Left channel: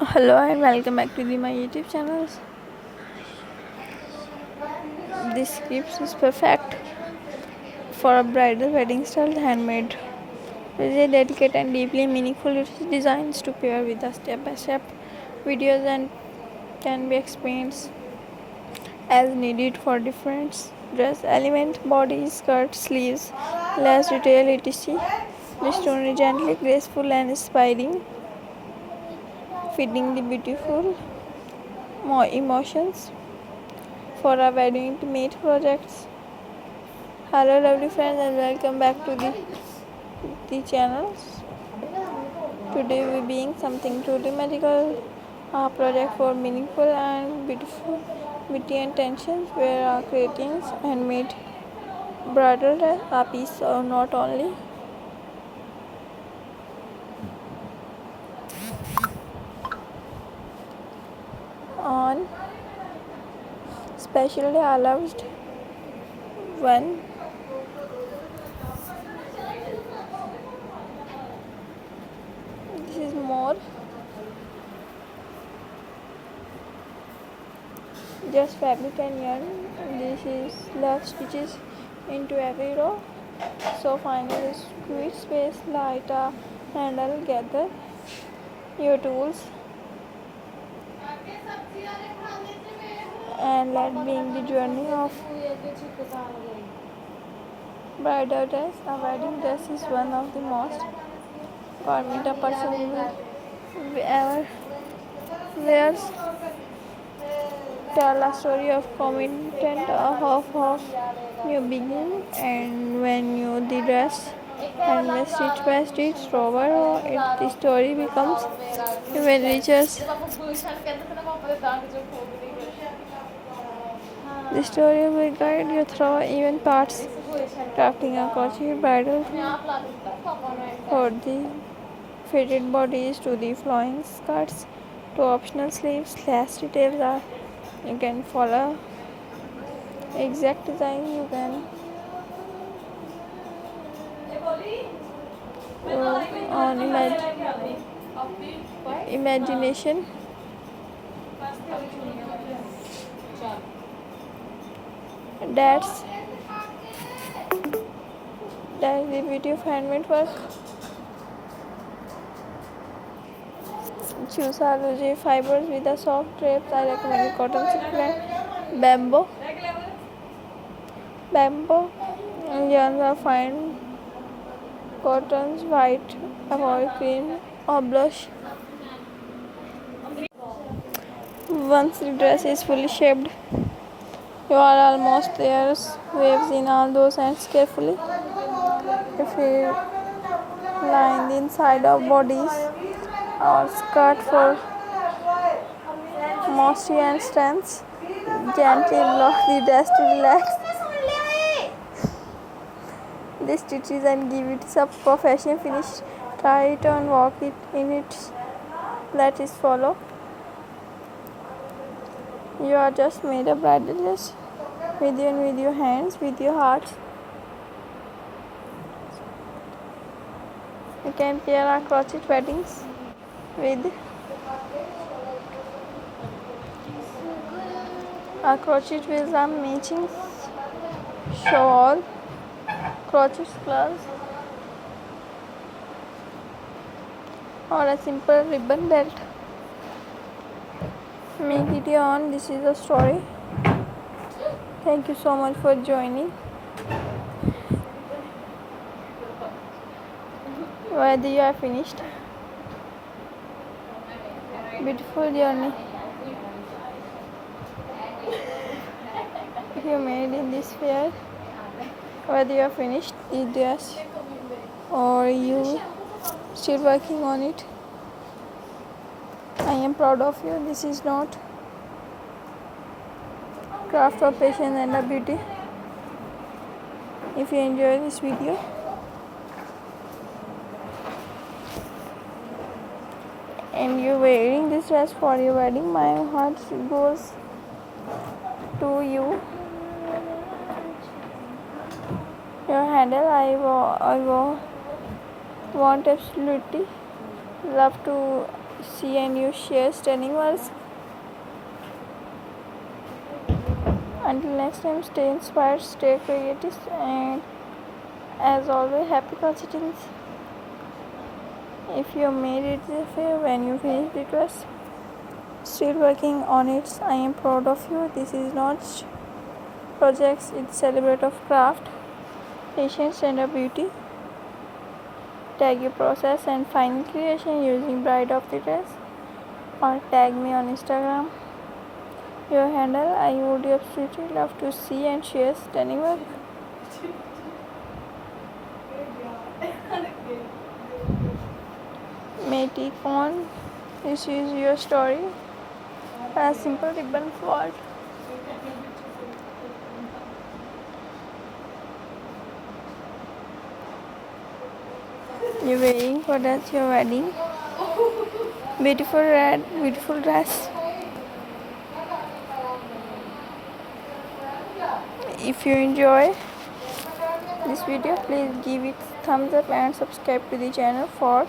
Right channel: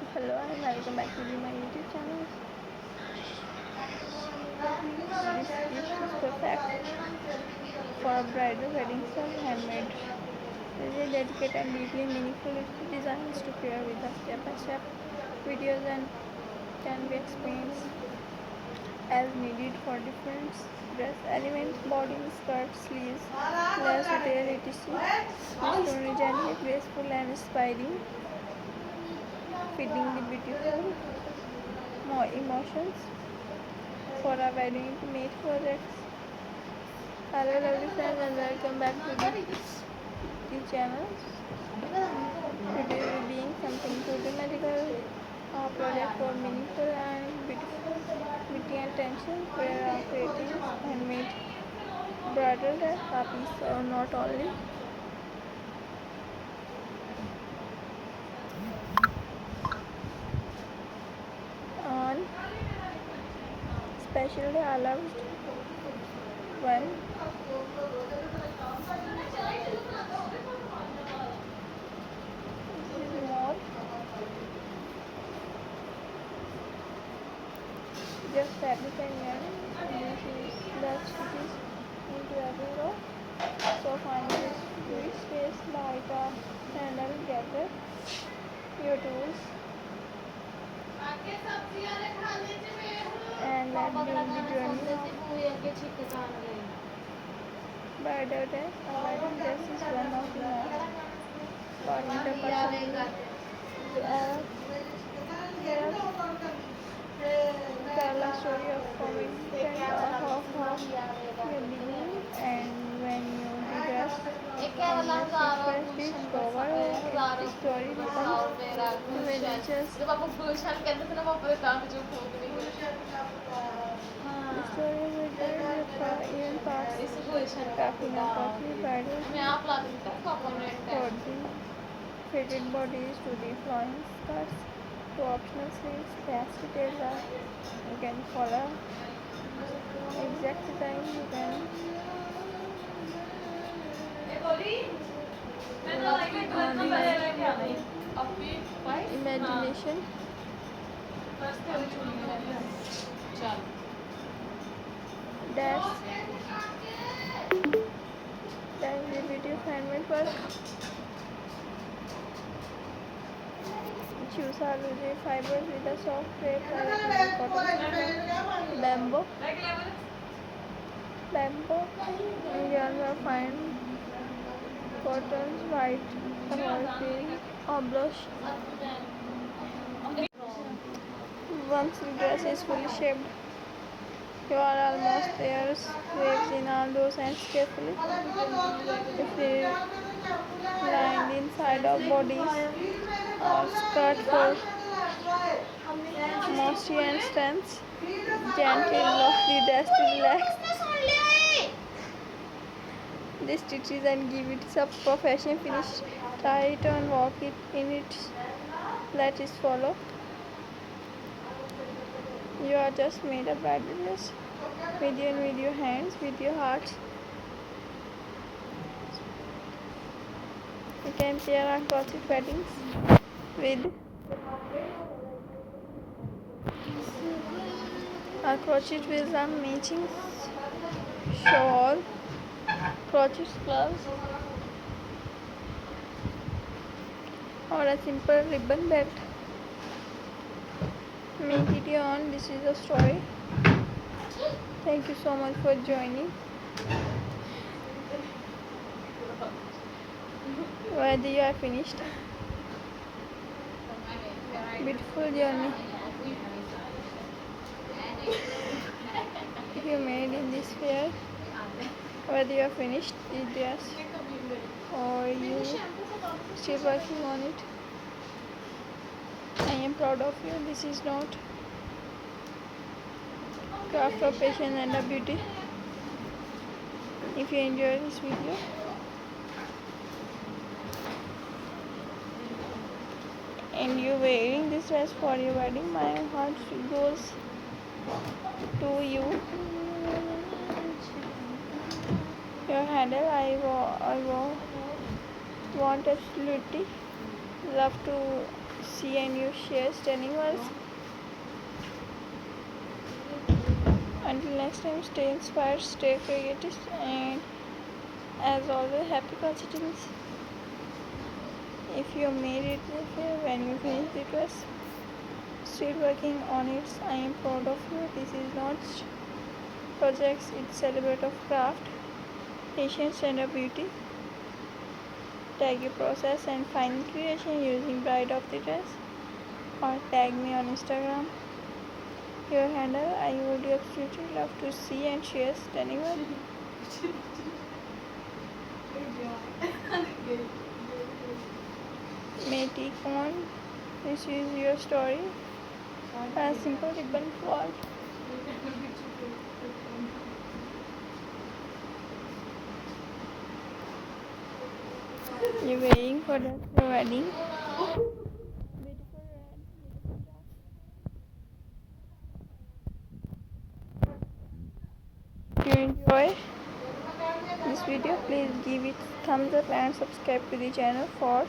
Hello and welcome back to my YouTube channel. This gift is perfect for a bridal wedding style handmade. It is a delicate and deeply meaningful. It is designed to pair with the step-by-step videos and can be experienced as needed for different dress elements, body, skirt, sleeves, lace detail, etc. This tone is gently graceful and inspiring, feeding the beautiful more emotions for our wedding intimate projects. Hello lovely friends and welcome back to the channel. Today we being something truly magical, a project for meaningful and beautiful witty and tensions where our creating handmade bridal a piece or not only on specially allowed when this is more just fabric and yarn. This is love stitches into every row. So find a sweet space, light a handle, gather your tools and let being the journey of bridal dress. A wedding dress is one of the most important a person will ever wears. Tell a story of commitment of you begin and when you the dress and the stitch by stitch over the story becomes even richer. The story will guide you through even parts, crafting a cozy bridal for the fitted bodies to the flowing skirts to optional sleeves. Last details are you can follow exact design you can on imagination. That's the beauty of handmade work. Choose algae fibers with a soft drape. I recommend cotton sequin, bamboo, and yarns are fine. Cottons, white, avoid cream or blush. Once the dress is fully shaped, you are almost there. Waves in all those ends carefully. If you line the inside of bodies or skirt for moisture and strength, gently lock the dress to relax the stitches and give it a professional finish. Try it and walk it in it. Let it follow. You are just made a bridal dress with your hands, with your hearts. You can pair our crochet weddings with our crochet with a matching shawl, crochet gloves, or a simple ribbon belt. Make it your own. This is the story. Thank you so much for joining. Whether you are finished, beautiful journey. If you made in this fair, whether you are finished the dress or you still working on it, I am proud of you. This is not craft of patience and a beauty. If you enjoy this video and you wearing this dress for your wedding, my heart goes to you. Your handle, I want absolutely love to see and you share stunning words. Until next time, stay inspired, stay creative, and as always, happy coincidence. If you made it this way when you finish the dress, still working on it, I am proud of you. This is not projects, it's celebrate of craft, patience and a beauty. Tag your process and final creation using bride of the dress or tag me on Instagram. Your handle, I would absolutely love to see and share stunning work. Matey on, this is your story. A simple ribbon fault. You're wearing for that's your wedding. Beautiful red, beautiful dress. If you enjoy this video, please give it thumbs up and subscribe to the channel for